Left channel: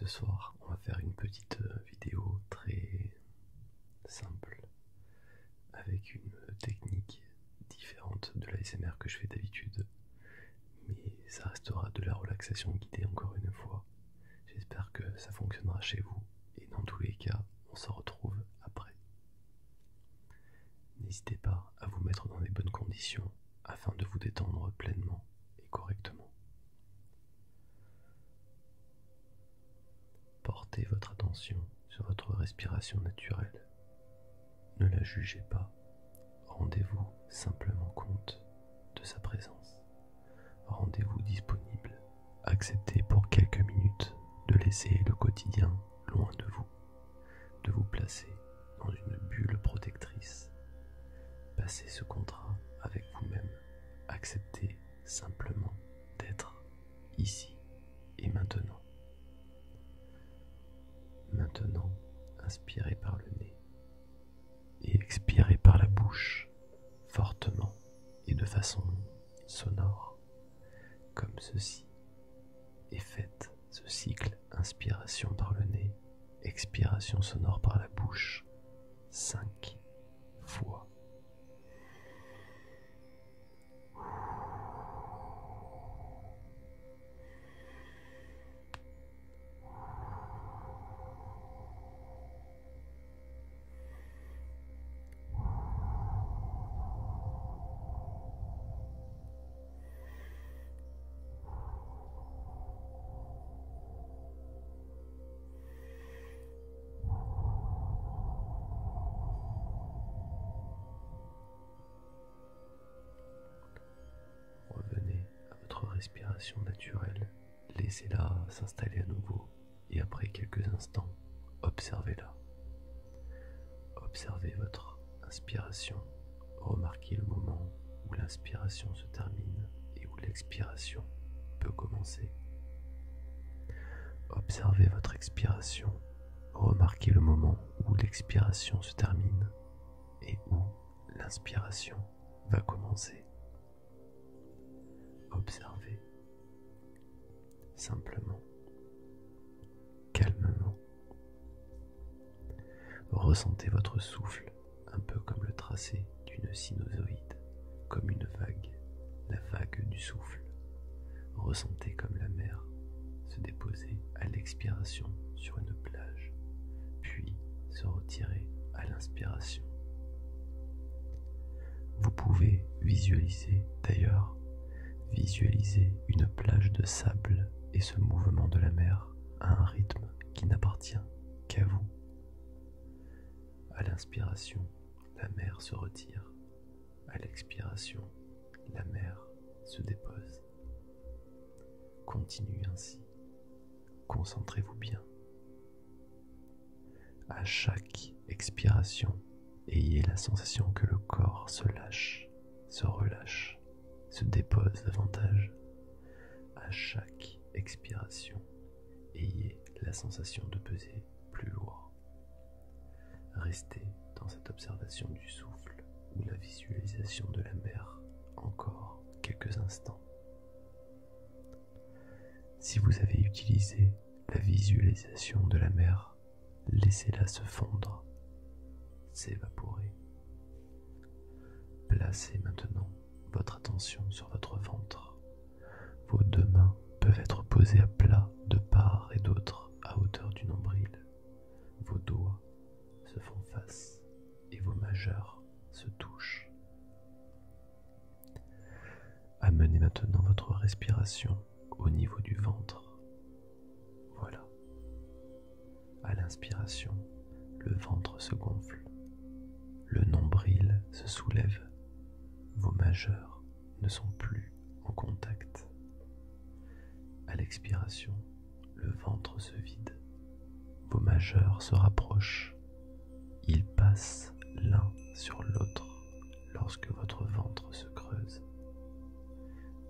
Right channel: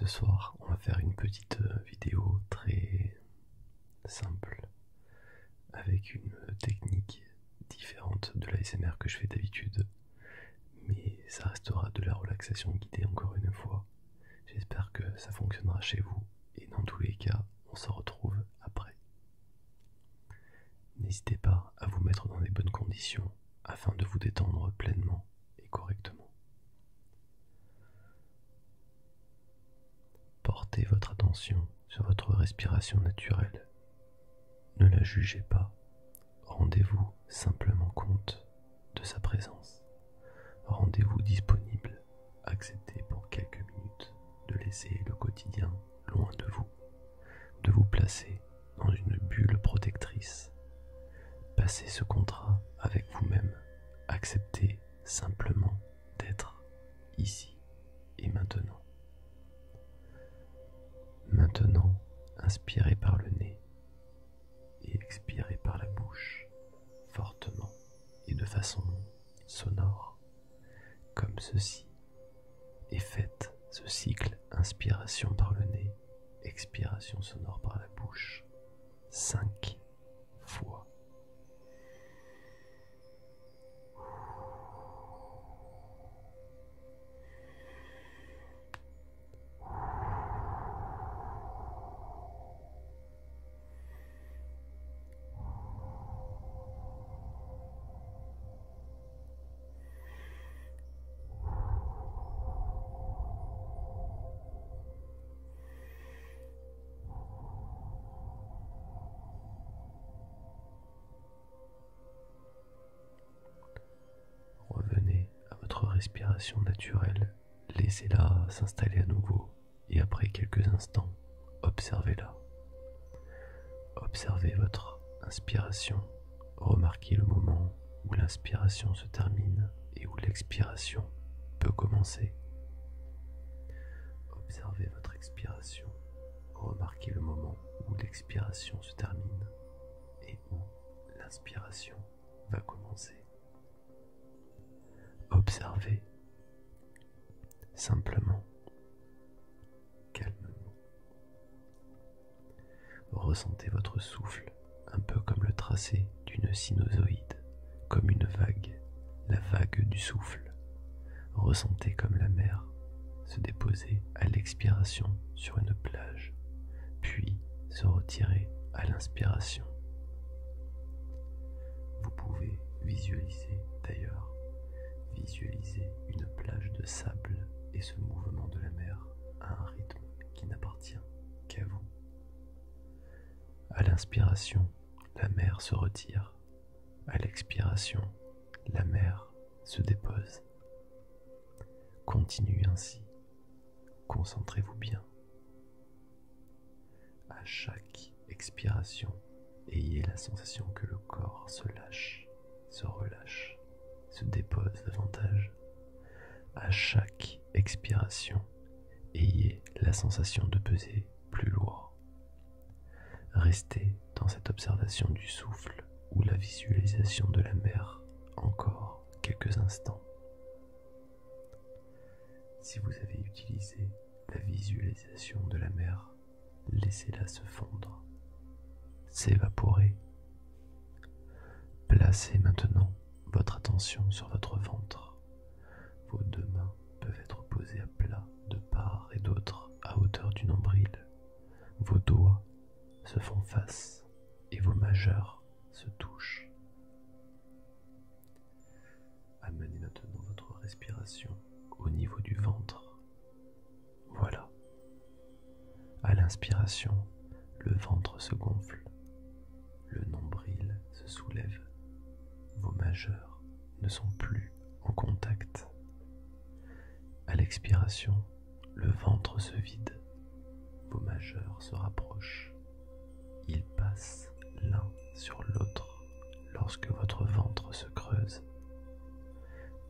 Ce soir, on va faire une petite vidéo très simple avec une technique différente de l'ASMR que je fais d'habitude, mais ça restera de la relaxation guidée encore une fois. J'espère que ça fonctionnera chez vous et dans tous les cas, on se retrouve après. N'hésitez pas à vous mettre dans les bonnes conditions afin de vous détendre pleinement et correctement. Portez votre attention sur votre respiration naturelle. Ne la jugez pas. Rendez-vous simplement compte de sa présence. Rendez-vous disponible. Acceptez pour quelques minutes de laisser le quotidien loin de vous placer dans une bulle protectrice. Passez ce contrat avec vous-même. Acceptez simplement d'être ici et maintenant. Maintenant, inspirez par le nez et expirez par la bouche, fortement et de façon sonore, comme ceci, et faites ce cycle inspiration par le nez, expiration sonore par la bouche, 5 fois. Revenez à votre respiration naturelle, laissez-la s'installer à nouveau et après quelques instants, observez-la. Observez votre inspiration, remarquez le moment où l'inspiration se termine et où l'expiration peut commencer. Observez votre expiration, remarquez le moment où l'expiration se termine et où l'inspiration va commencer. Observez simplement, calmement. Ressentez votre souffle un peu comme le tracé d'une sinusoïde, comme une vague, la vague du souffle. Ressentez comme la mer se déposer à l'expiration sur une plage, puis se retirer à l'inspiration. Vous pouvez visualiser d'ailleurs, visualiser une plage de sable et ce mouvement de la mer à un rythme qui n'appartient qu'à vous. À l'inspiration, la mer se retire. À l'expiration, la mer se dépose. Continuez ainsi. Concentrez-vous bien. À chaque expiration, ayez la sensation que le corps se lâche, se relâche, se dépose davantage. À chaque expiration, ayez la sensation de peser plus lourd. Restez dans cette observation du souffle ou la visualisation de la mer encore quelques instants. Si vous avez utilisé la visualisation de la mer, laissez-la se fondre, s'évaporer. Placez maintenant votre attention sur votre ventre. Vos deux mains peuvent être posées à plat de part et d'autre à hauteur du nombril. Vos doigts se font face et vos majeurs se touchent. Amenez maintenant votre respiration au niveau du ventre. Voilà. À l'inspiration, le ventre se gonfle, le nombril se soulève, vos majeurs ne sont plus en contact. À l'expiration, le ventre se vide, vos majeurs se rapprochent, ils passent l'un sur l'autre lorsque votre ventre se creuse.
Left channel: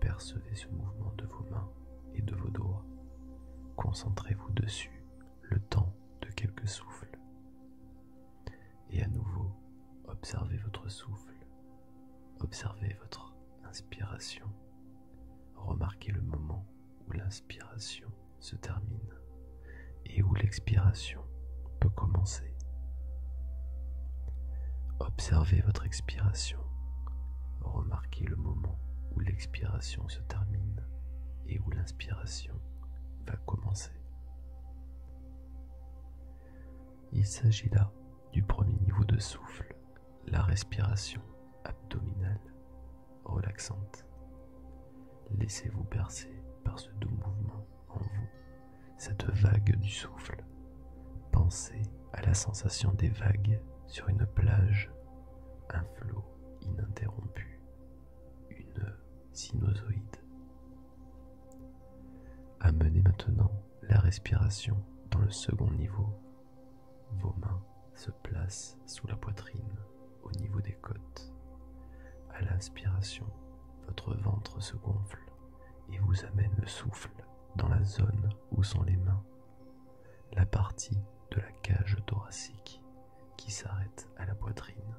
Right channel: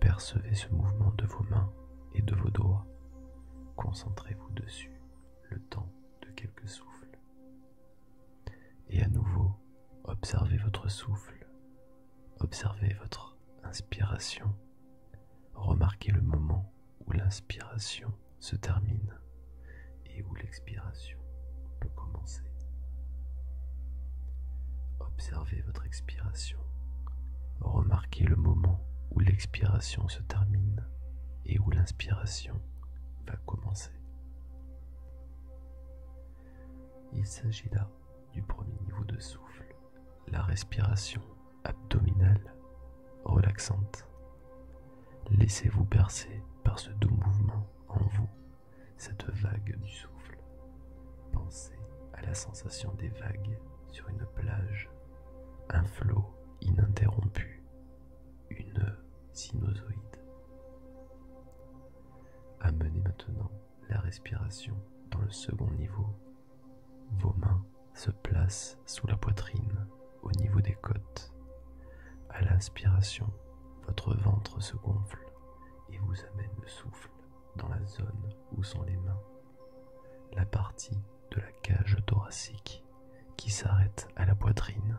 Percevez ce mouvement de vos mains et de vos doigts. Concentrez-vous dessus le temps de quelques souffles. Et à nouveau, observez votre souffle. Observez votre inspiration. Remarquez le moment où l'inspiration se termine et où l'expiration peut commencer. Observez votre expiration. Remarquez le moment où l'expiration se termine et où l'inspiration va commencer. Il s'agit là du premier niveau de souffle, la respiration abdominale relaxante. Laissez-vous bercer par ce doux mouvement en vous, cette vague du souffle. Pensez à la sensation des vagues sur une plage, un flot ininterrompu, une sinusoïde. Amenez maintenant la respiration dans le second niveau. Vos mains se placent sous la poitrine, au niveau des côtes. À l'inspiration, votre ventre se gonfle et vous amène le souffle dans la zone où sont les mains, la partie de la cage thoracique qui s'arrête à la poitrine.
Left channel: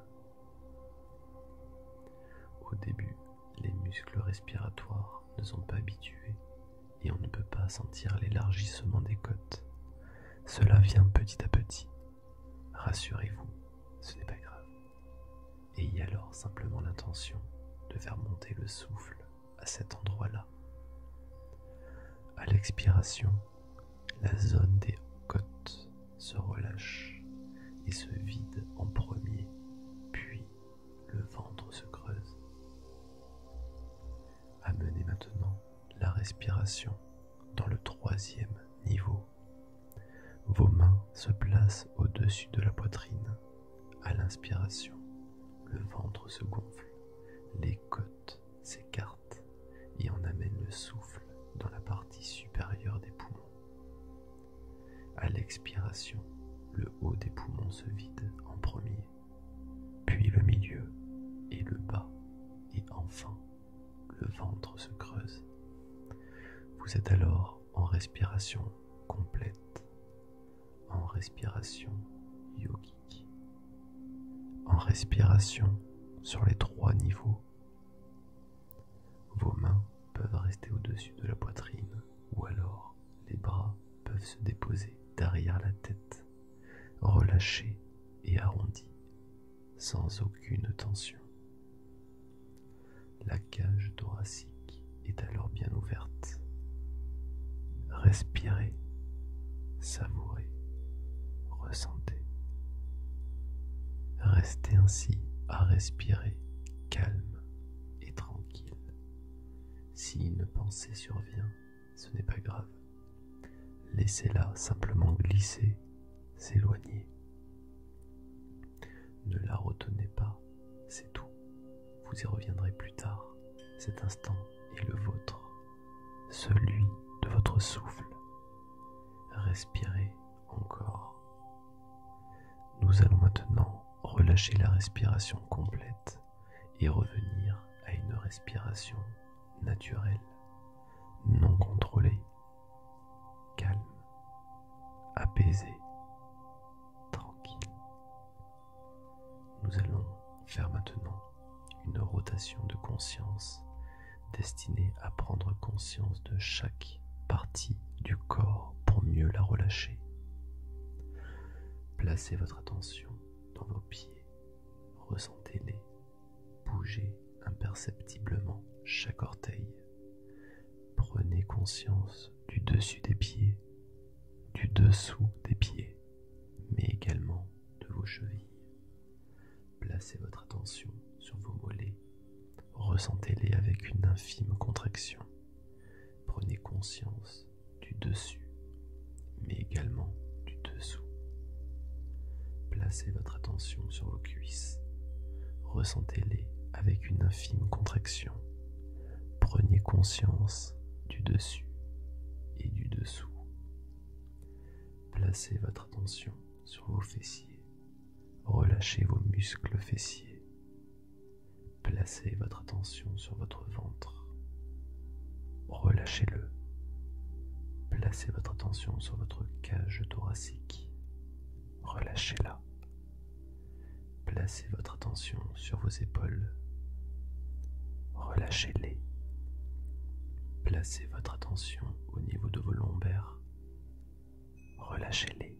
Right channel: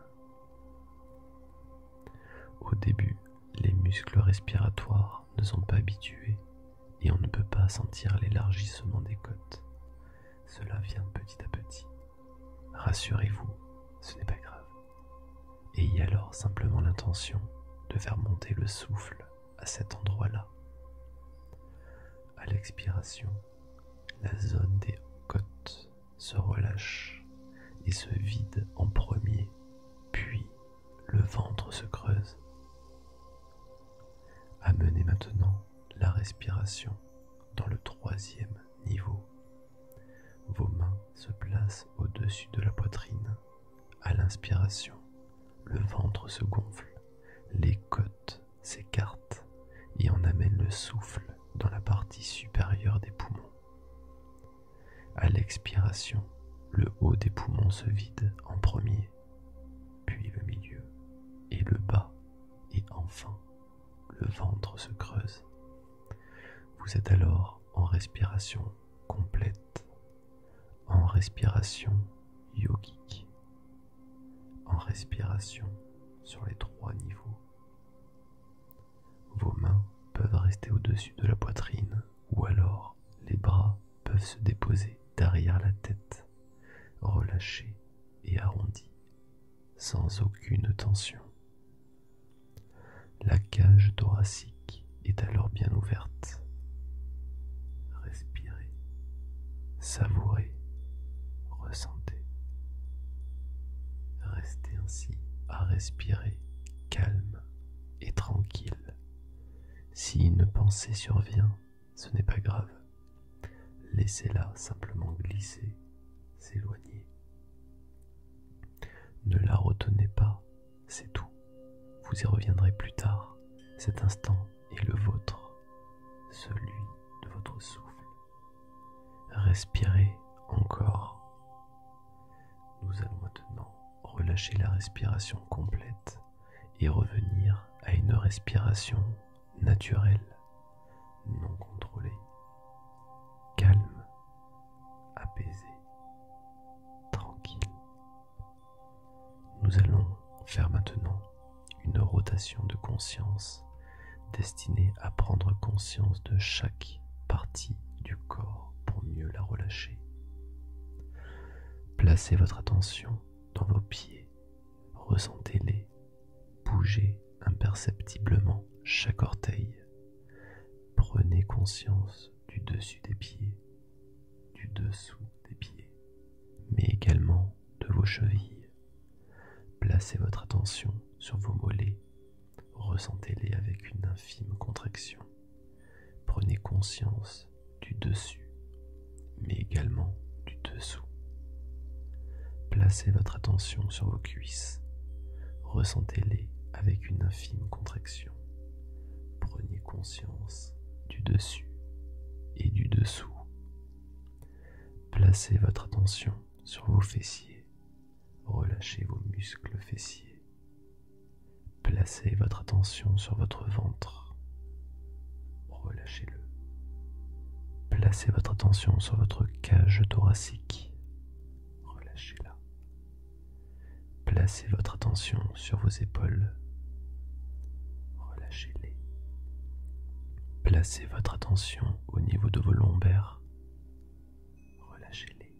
Au début, les muscles respiratoires ne sont pas habitués et on ne peut pas sentir l'élargissement des côtes. Cela vient petit à petit. Rassurez-vous, ce n'est pas grave. Ayez alors simplement l'intention de faire monter le souffle à cet endroit-là. À l'expiration, la zone des côtes se relâche et se vide en premier, puis le ventre se creuse. Amenez maintenant la respiration dans le troisième niveau. Vos mains se placent au-dessus de la poitrine. À l'inspiration, le ventre se gonfle, les côtes s'écartent et on amène le souffle dans la partie supérieure des poumons. À l'expiration, le haut des poumons se vide en premier, puis le milieu et le bas, et enfin le ventre se creuse. Vous êtes alors en respiration complète, en respiration yogique, en respiration sur les 3 niveaux. Vos mains peuvent rester au-dessus de la poitrine ou alors les bras peuvent se déposer derrière la tête, relâchés et arrondis, sans aucune tension. La cage thoracique est alors bien ouverte. Respirez, savourez, ressentez. Restez ainsi à respirer, calme et tranquille. Si une pensée survient, ce n'est pas grave. Laissez-la simplement glisser, s'éloigner. Ne la retenez pas, c'est tout. Vous y reviendrez plus tard. Cet instant est le vôtre, celui de votre souffle. Respirez encore. Nous allons maintenant relâcher la respiration complète et revenir à une respiration naturelle, non contrôlée, calme, apaisée, tranquille. Nous allons faire maintenant une rotation de conscience destinée à prendre conscience de chaque partie du corps pour mieux la relâcher. Placez votre attention dans vos pieds, ressentez-les, bougez imperceptiblement chaque orteil. Prenez conscience du dessus des pieds, du dessous des pieds, mais également de vos chevilles. Placez votre attention sur vos mollets, ressentez-les avec une infime contraction. Prenez conscience du dessus, mais également du dessous. Placez votre attention sur vos cuisses, ressentez-les avec une infime contraction. Prenez conscience du dessus et du dessous. Placez votre attention sur vos fessiers, relâchez vos muscles fessiers. Placez votre attention sur votre ventre, relâchez-le. Placez votre attention sur votre cage thoracique, relâchez-la. Placez votre attention sur vos épaules, relâchez-les. Placez votre attention au niveau de vos lombaires, relâchez-les.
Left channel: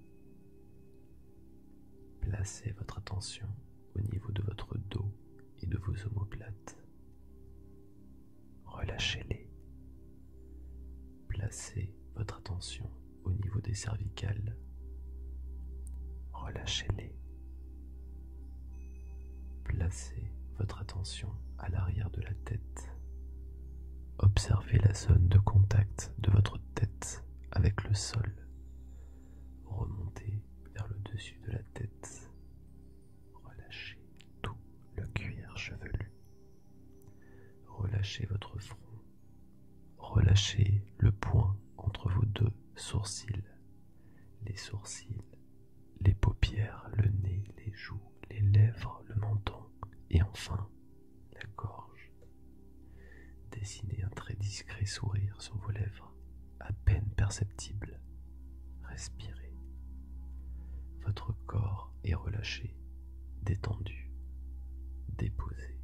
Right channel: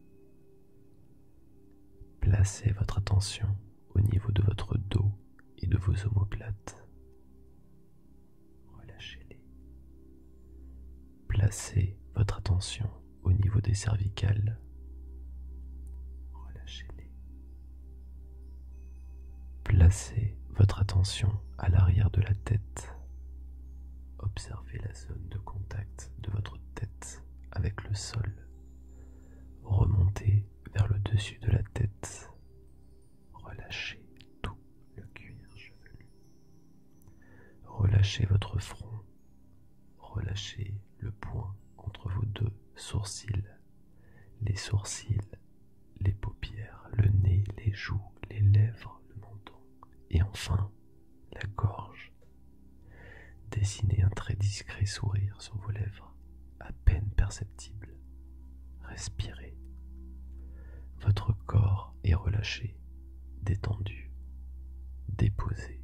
Placez votre attention au niveau de votre dos et de vos omoplates. Relâchez-les. Placez votre attention au niveau des cervicales. Relâchez-les. Placez votre attention à l'arrière de la tête. Observez la zone de contact de votre tête avec le sol. Remontez vers le dessus de la tête. Relâchez tout le cuir chevelu. Relâchez votre front. Relâchez le point entre vos deux sourcils. Les sourcils, les paupières, le nez, les joues, les lèvres, le menton et enfin la gorge. Dessinez un très discret sourire sur vos lèvres, à peine perceptible. Respirez. Votre corps est relâché, détendu, déposé.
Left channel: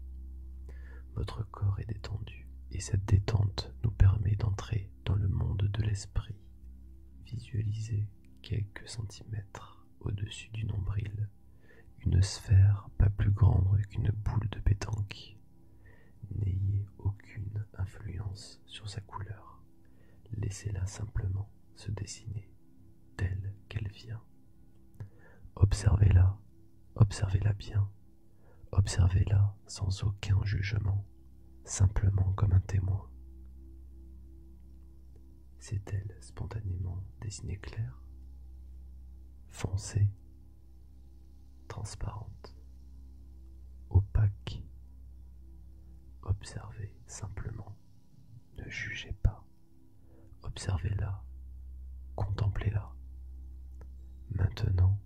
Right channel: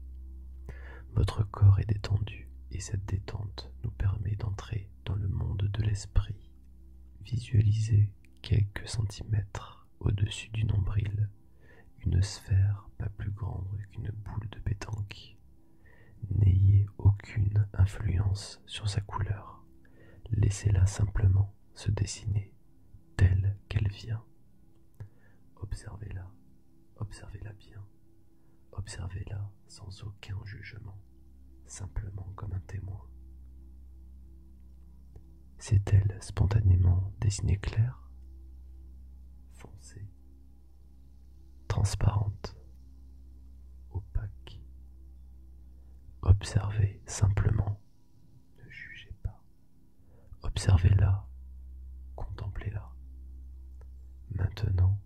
Votre corps est détendu et cette détente nous permet d'entrer dans le monde de l'esprit. Visualisez quelques centimètres au-dessus du nombril une sphère pas plus grande qu'une boule de pétanque. N'ayez aucune influence sur sa couleur. Laissez-la simplement se dessiner telle qu'elle vient. Observez-la, observez-la bien, observez-la sans aucun jugement, simplement comme un témoin. S'est-elle spontanément dessinée claire, foncée, transparente, opaque? Observez simplement, ne jugez pas. Observez-la, contemplez-la. Maintenant,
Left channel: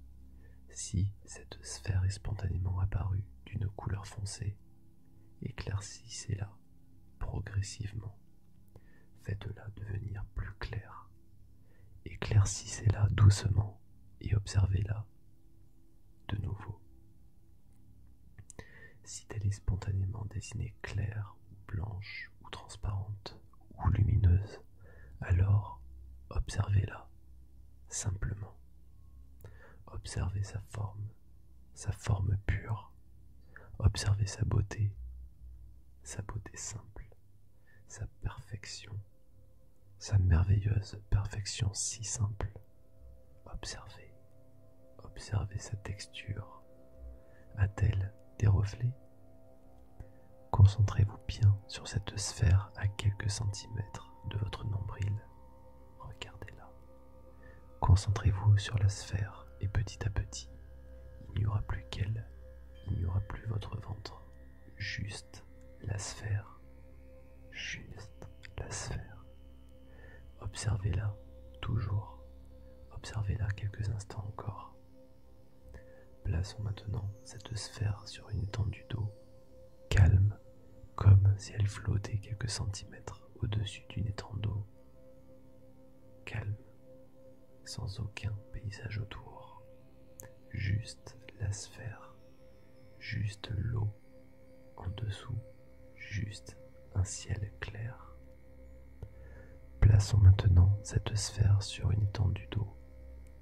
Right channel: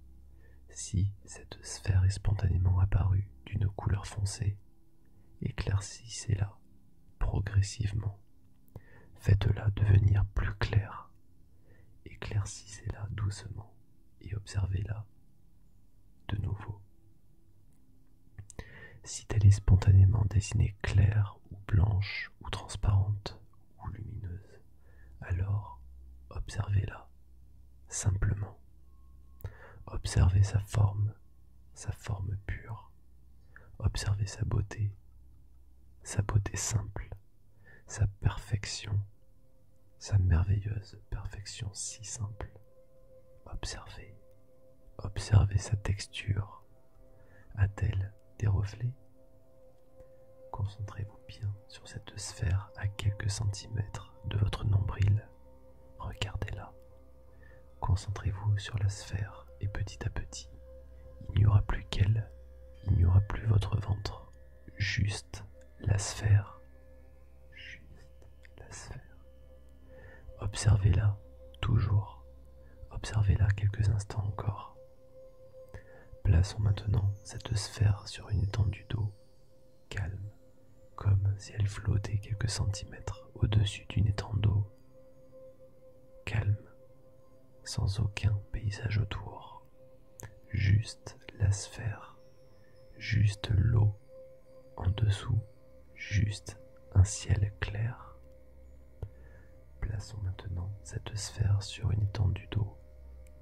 si cette sphère est spontanément apparue d'une couleur foncée, éclaircissez-la progressivement. Faites-la devenir plus claire. Éclaircissez-la doucement et observez-la de nouveau. Si elle est spontanément dessinée claire ou blanche ou transparente ou lumineuse, alors observez-la simplement. Observez sa forme pure. Observez sa beauté simple, sa perfection, sa merveilleuse perfection si simple. Observez sa texture. A-t-elle des reflets? Concentrez-vous bien sur cette sphère à quelques centimètres de votre nombril. Regardez-la. Concentrez-vous sur la sphère et petit à petit, il n'y aura plus qu'elle, il n'y aura plus votre ventre, juste la sphère, juste la sphère. Observez-la toujours, observez-la quelques instants encore. Plaçons maintenant cette sphère sur une étendue d'eau, calme, comme si elle flottait quelques centimètres au-dessus d'une étendue d'eau. Calme, sans aucun paysage autour, juste la sphère, juste l'eau en dessous, juste un ciel clair. Plaçons maintenant cette sphère sur une étendue d'eau,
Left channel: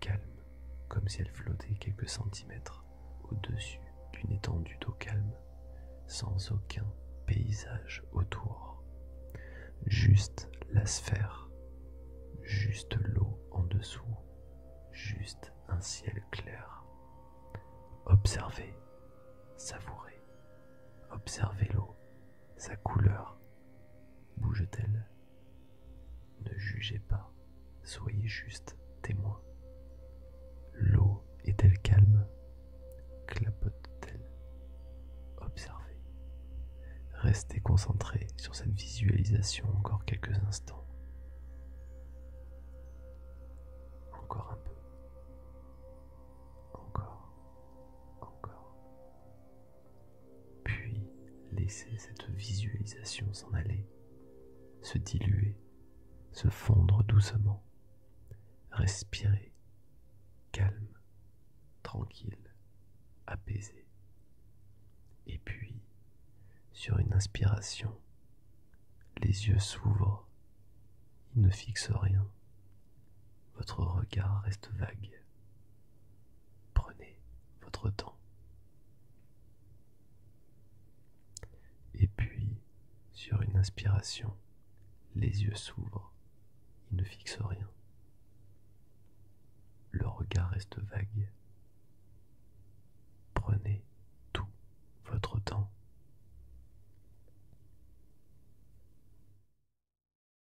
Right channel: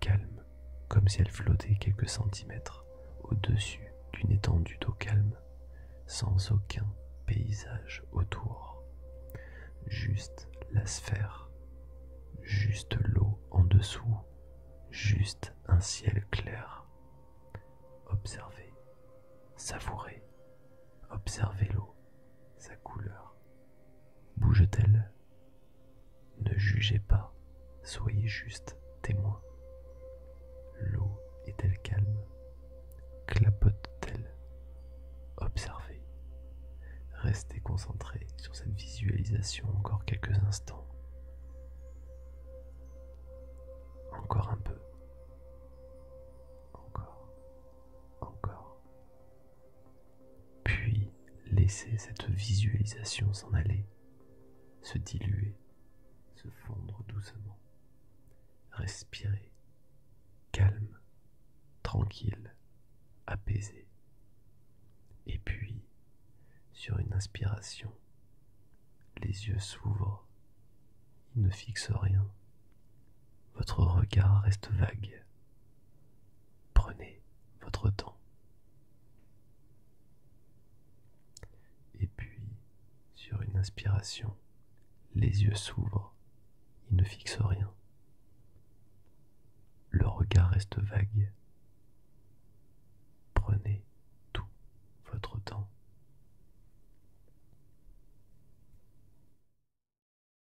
calme, comme si elle flottait quelques centimètres au-dessus d'une étendue d'eau calme, sans aucun paysage autour. Juste la sphère, juste l'eau en dessous, juste un ciel clair. Observez, savourez, observez l'eau, sa couleur. Bouge-t-elle? Ne jugez pas, soyez juste témoin. L'eau est-elle calme? Clapote-t-elle? Observez. Restez concentré sur cette visualisation encore quelques instants. Encore un peu. Encore. Puis laissez cette visualisation s'en aller, se diluer, se fondre doucement. Respirez, calme, tranquille, apaisé. Et puis, sur une inspiration, les yeux s'ouvrent, ils ne fixent rien. votre regard reste vague. Prenez votre temps. Et puis, sur une inspiration, les yeux s'ouvrent, ils ne fixent rien. Le regard reste vague,